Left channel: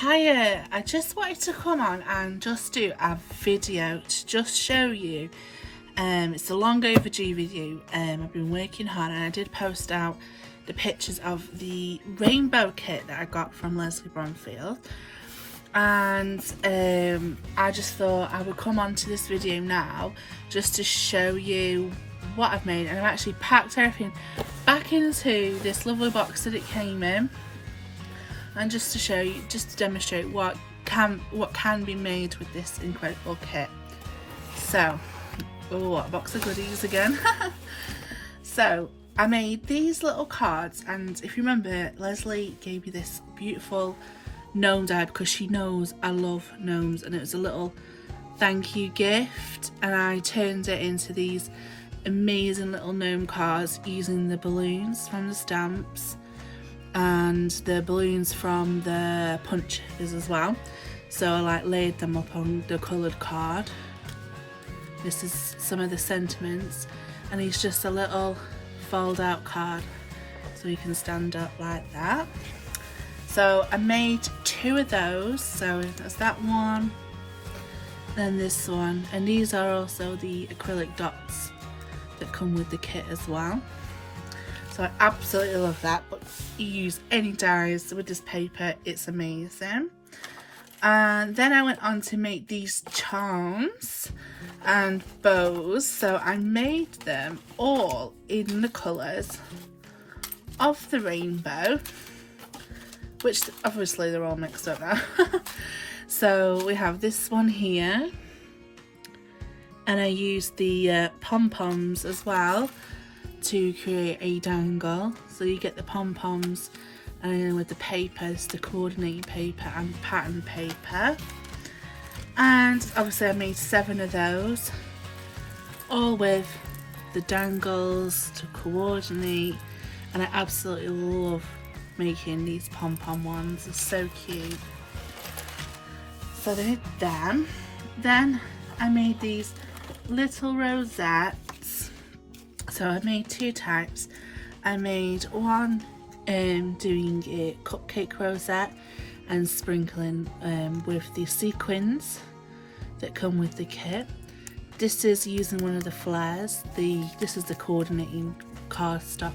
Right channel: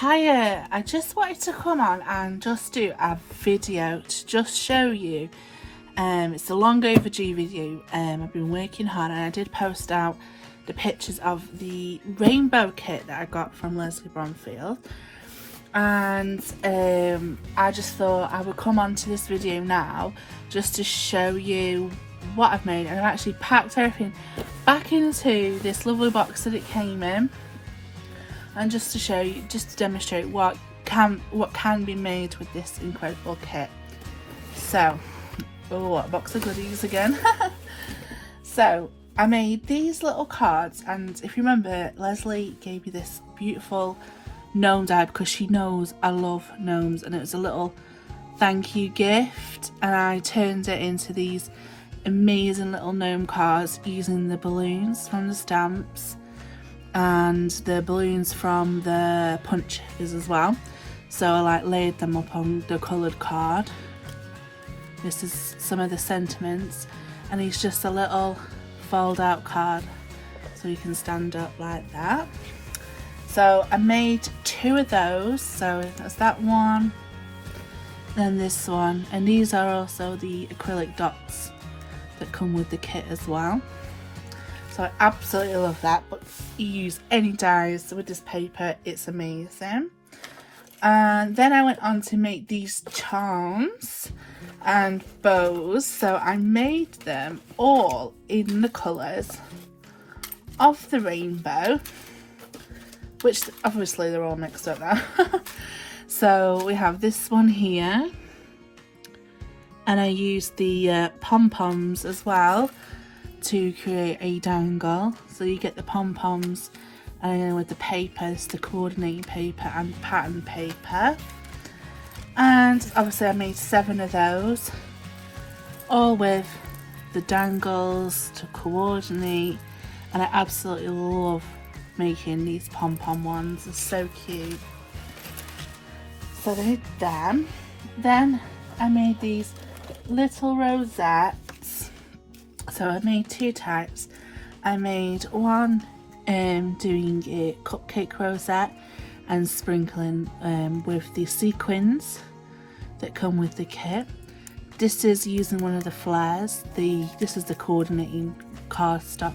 Hiya, I just wanted to come on and just do a video to just show you. It's a long overdue video. I've been working hard and I did post out the pictures of the rainbow kit that I got from Leslie Bromfield. And I just thought I would come on to this video now just to show you what I've made. And I've actually packed everything back into this lovely box that it came in. And just to show you, just to demonstrate what can be made with this incredible kit. So, oh, a box of goodies again. So, I made these little cards, and if you remember, Leslie gave me this beautiful gnome die because she knows I love gnomes, and it was a little thank you gift, and I turned it into these amazing little gnome cards using the balloons from the stamps and the balloons from the punches as well. So I laid them up on the coloured card. This is some of the sentiments, and it's just a little fold out card so you can stand up like that. So I made two of those, so that's that one, then this one, and these are also the acrylic dots that come with the kit as well. So I absolutely love that, but you use any dies with this paper, it's amazing. And then I went on to make these charms and bows. So I made them all in the colours of the rainbow, which obviously they're all mixed up now. So we have this one here, and I used the pom-poms as well to create a dangle. So you get the pom-poms with the papers, the coordinating paper and pattern paper. And obviously I made 7 of those, all with the dangles to coordinate, and I absolutely love making these pom-pom ones. They're so cute. So they did them. Then I made these little rosettes. So I made 2 types. I made one doing a cupcake rosette and sprinkling with the sequins that come with the kit. This is using one of the flares. This is the coordinating cardstock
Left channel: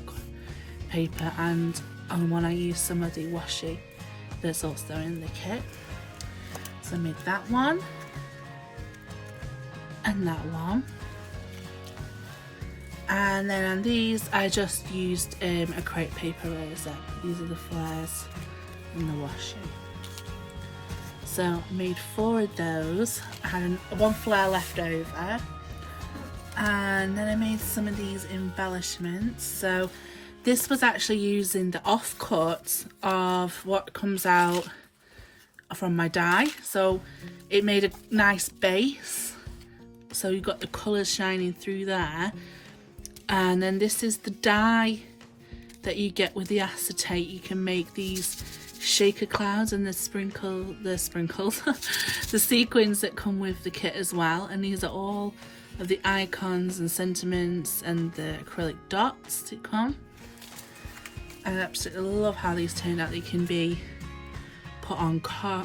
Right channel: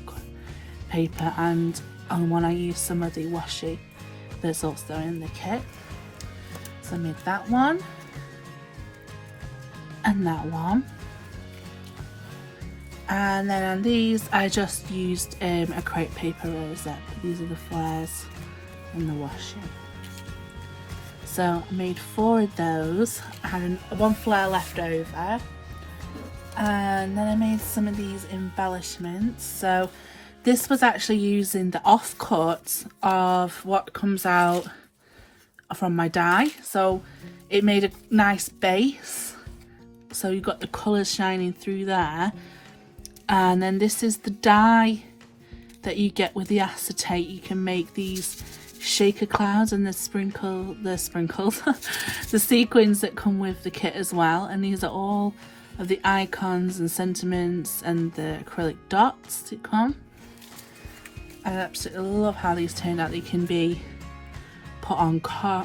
paper, and on one I used some of the washi that's also in the kit. So I made that one and that one. And then on these I just used a crepe paper rosette. These are the flares and the washi. So I made 4 of those. I had one flare left over. And then I made some of these embellishments. So this was actually using the offcut of what comes out from my die. So it made a nice base. So you've got the colours shining through there. And then this is the dye that you get with the acetate. You can make these shaker clouds and the sprinkles, the sequins that come with the kit as well. And these are all of the icons and sentiments and the acrylic dots that come. I absolutely love how these turned out. They can be put on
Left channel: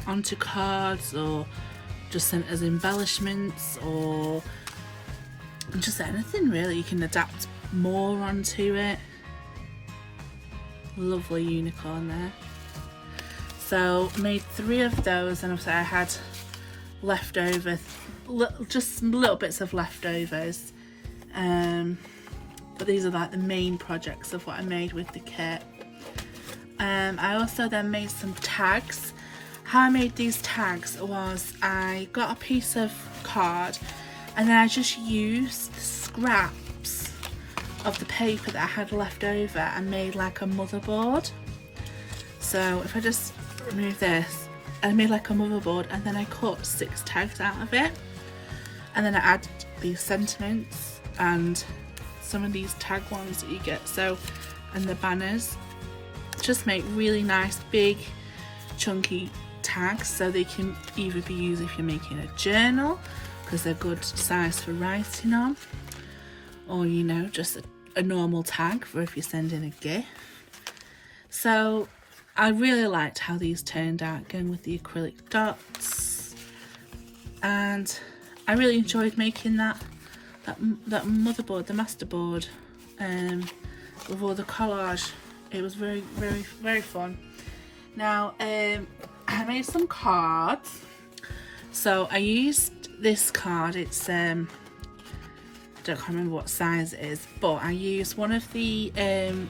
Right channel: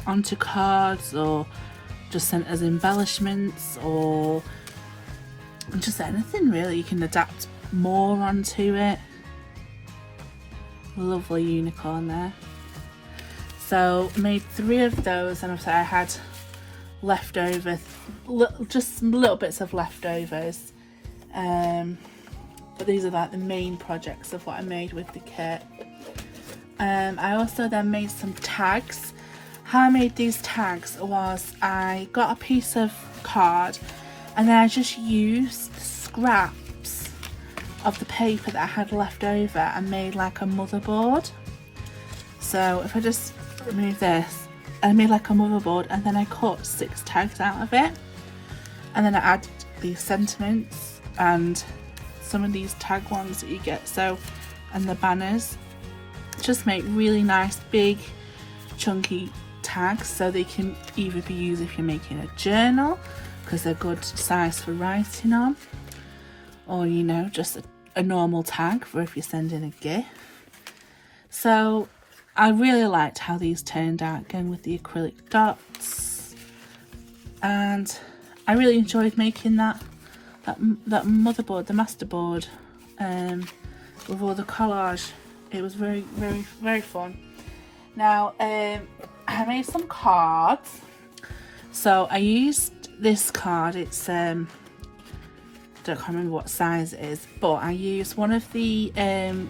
onto cards, or just sent as embellishments, or just anything really. You can adapt more onto it. Lovely unicorn there. So I made 3 of those, and I had leftover, just little bits of leftovers. But these are like the main projects of what I made with the kit. I also then made some tags. How I made these tags was I got a piece of card, and then I just used scraps of the paper that I had left over and made like a motherboard. So if I just remove this, I made like a motherboard, and then I cut 6 tags out of it, and then I added these sentiments and some of these tag ones that you get, so, and the banners. Just make really nice big chunky tags, so they can either be used if you're making a journal, because they're good size for writing on, or you know, just a normal tag for if you're sending a gift. So I really liked how these turned out again with the acrylic dots, and I really enjoyed making that motherboard, the masterboard, with all the collage. It was very, very, very fun. Now, I made some cards. So I used this card. It's don't remember what size it is, but I used one of the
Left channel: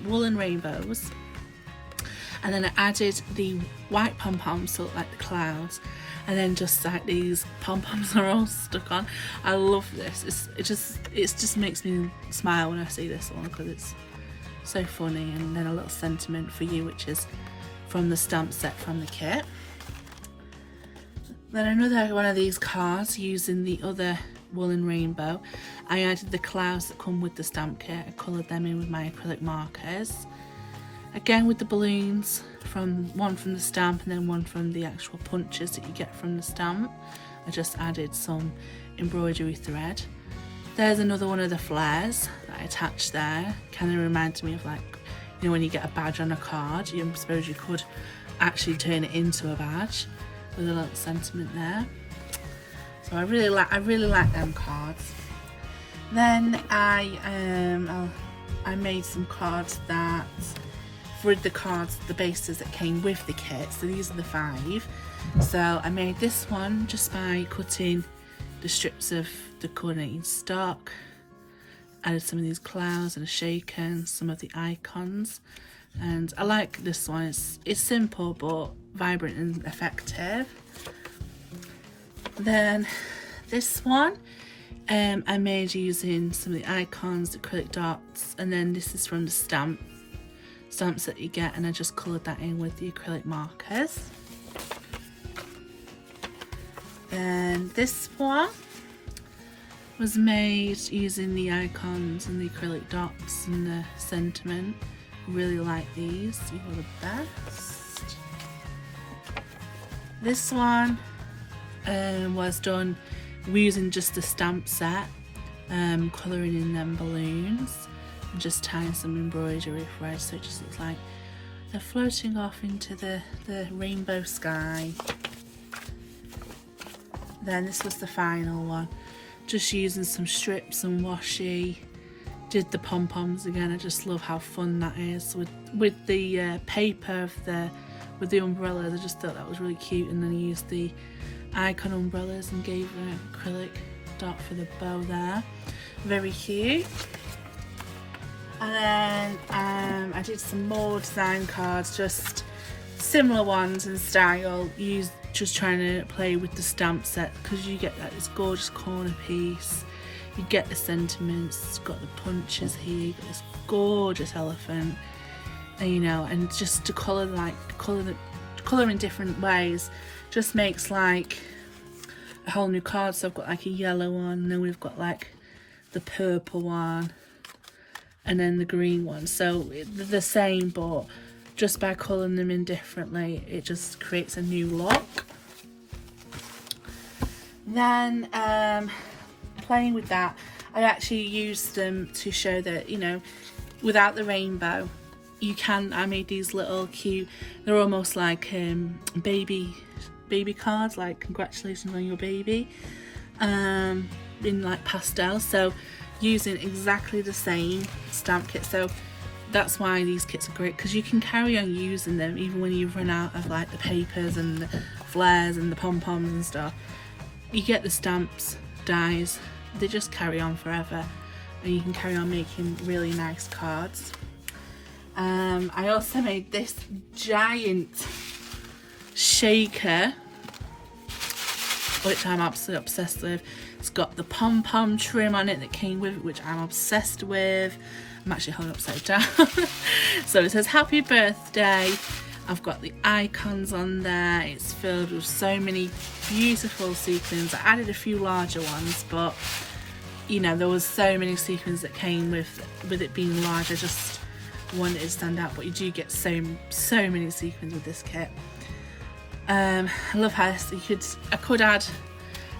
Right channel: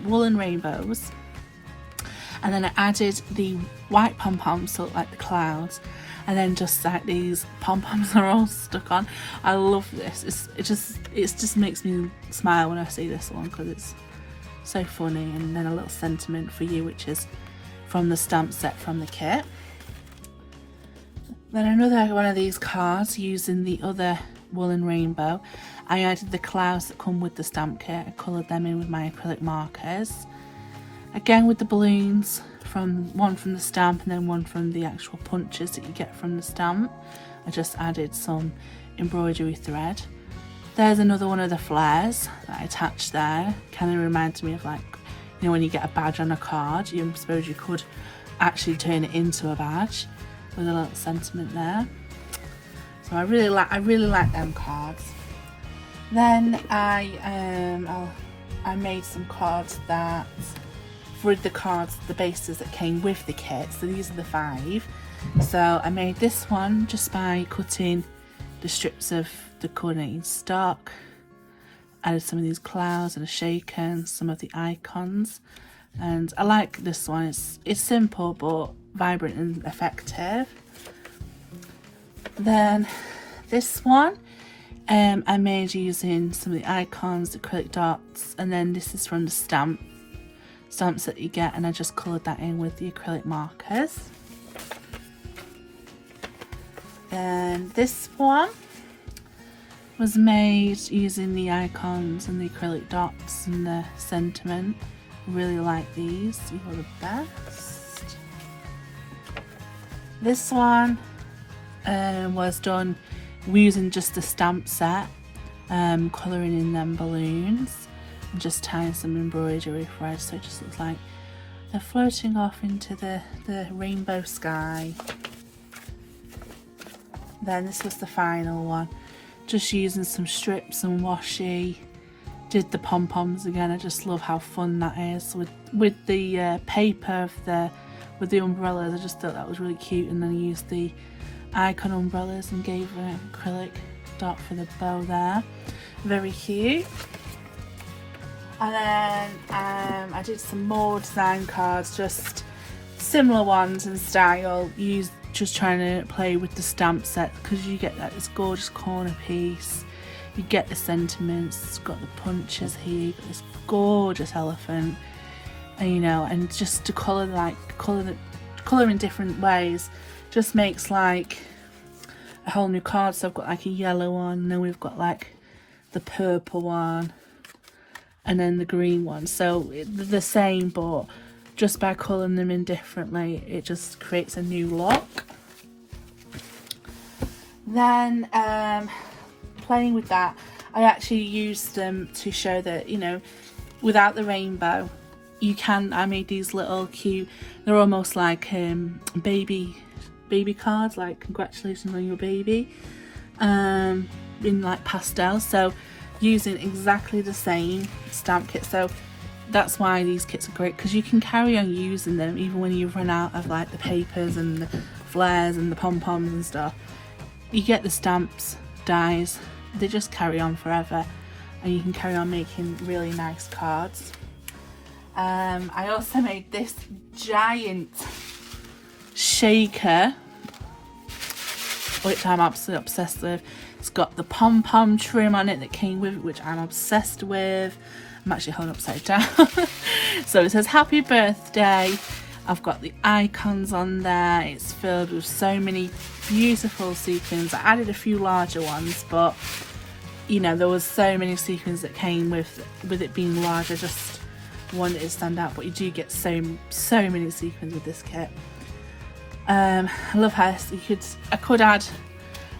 woolen rainbows, and then I added the white pom-poms, so like the clouds, and then just like these pom-poms are all stuck on. I love this. It just makes me smile when I see this one, because it's so funny. And then a little sentiment for you, which is from the stamp set from the kit. Then another one of these cards using the other woolen rainbow. I added the clouds that come with the stamp kit. I coloured them in with my acrylic markers. Again with the balloons, one from the stamp and then one from the actual punches that you get from the stamp. I just added some embroidery thread. There's another one of the flares that I attached there. Kind of reminds me of, like, you know, when you get a badge on a card, I suppose you could actually turn it into a badge with a little sentiment there. So I really like them cards. Then I made some cards that with the cards, the bases that came with the kit. So these are the 5. So I made this one just by cutting the strips of the coordinating stock. Added some of these clouds and a shaker and some of the icons. And I like this one. It's simple but vibrant and effective. Then this one I made using some of the icons, the acrylic dots, and then this is from the stamps that you get, and I just coloured that in with the acrylic markers. Then this one was made using the icons and the acrylic dots and the sentiment. I really like these, these are the best. This one was done using just the stamp set, colouring in them balloons and just tying some embroidery thread, so it just looks like they're floating off into the rainbow sky. Then this was the final one, just using some strips and washi. Did the pom-poms again. I just love how fun that is with the paper with the umbrellas. I just thought that was really cute, and then I used the icon umbrellas and gave an acrylic dot for the bow there. Very cute. And then I did some more design cards, just similar ones in style, just trying to play with the stamp set, because you get like this gorgeous corner piece, you get the sentiments, it's got the punches here, but this gorgeous elephant, and, you know, and just to colour in different ways just makes like a whole new card. So I've got like a yellow one, and then we've got like the purple one, and then the green one. So they're the same, but just by colouring them in differently, it just creates a new look. Then playing with that, I actually used them to show that, you know, without the rainbow, I made these little cute, they're almost like baby cards, like congratulations on your baby, in like pastel. So using exactly the same stamp kit. So that's why these kits are great, because you can carry on using them even when you've run out of like the papers and the flares and the pom-poms and stuff. You get the stamps, dies, they just carry on forever, and you can carry on making really nice cards. I also made this giant shaker, which I'm absolutely obsessed with. It's got the pom-pom trim on it that came with it, which I'm obsessed with. I'm actually holding upside down. So it says happy birthday. I've got the icons on there. It's filled with so many beautiful sequins. I added a few larger ones, but you know, there was so many sequins that came with it being large. I just wanted it to stand out, but you do get so many sequins with this kit. I love how I could add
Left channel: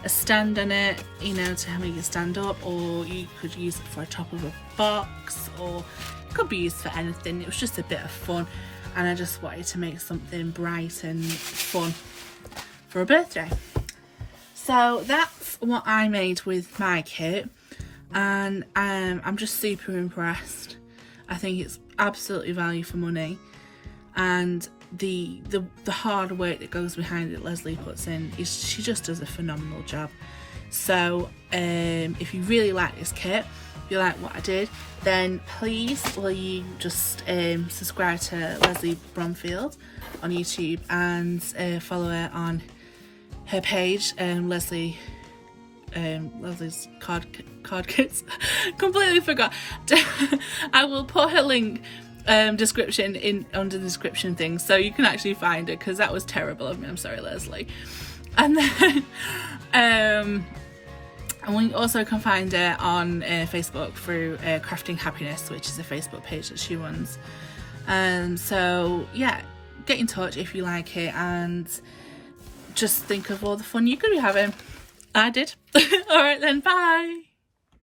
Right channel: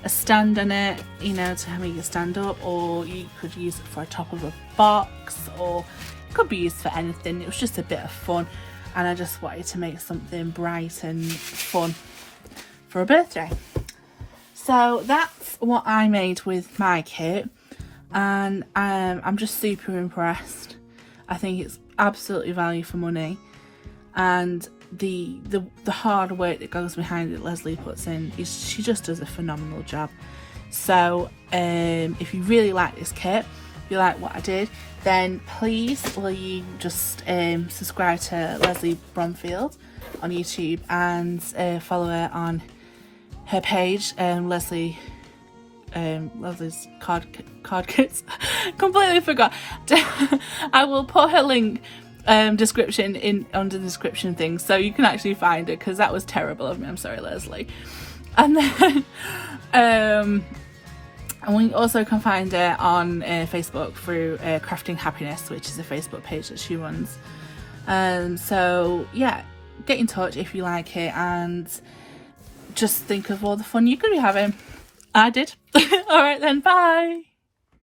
a stand on it, you know, to make it stand up, or you could use it for a top of a box, or it could be used for anything. It was just a bit of fun. and I just wanted to make something bright and fun for a birthday. So that's what I made with my kit, and I'm just super impressed. I think it's absolutely value for money, and the hard work that goes behind it Leslie puts in, she just does a phenomenal job. So if you really like this kit, if you like what I did, then please will you just subscribe to Leslie Bromfield on YouTube and follow her on her page, Leslie's card kits. Completely forgot. I will put her link description in under the description thing, so you can actually find it, because that was terrible of me. I'm sorry, Leslie. And then and we also can find her on Facebook through Crafting Happiness, which is a Facebook page that she runs. So yeah, get in touch if you like it, and just think of all the fun you could be having. I did. All right then, bye.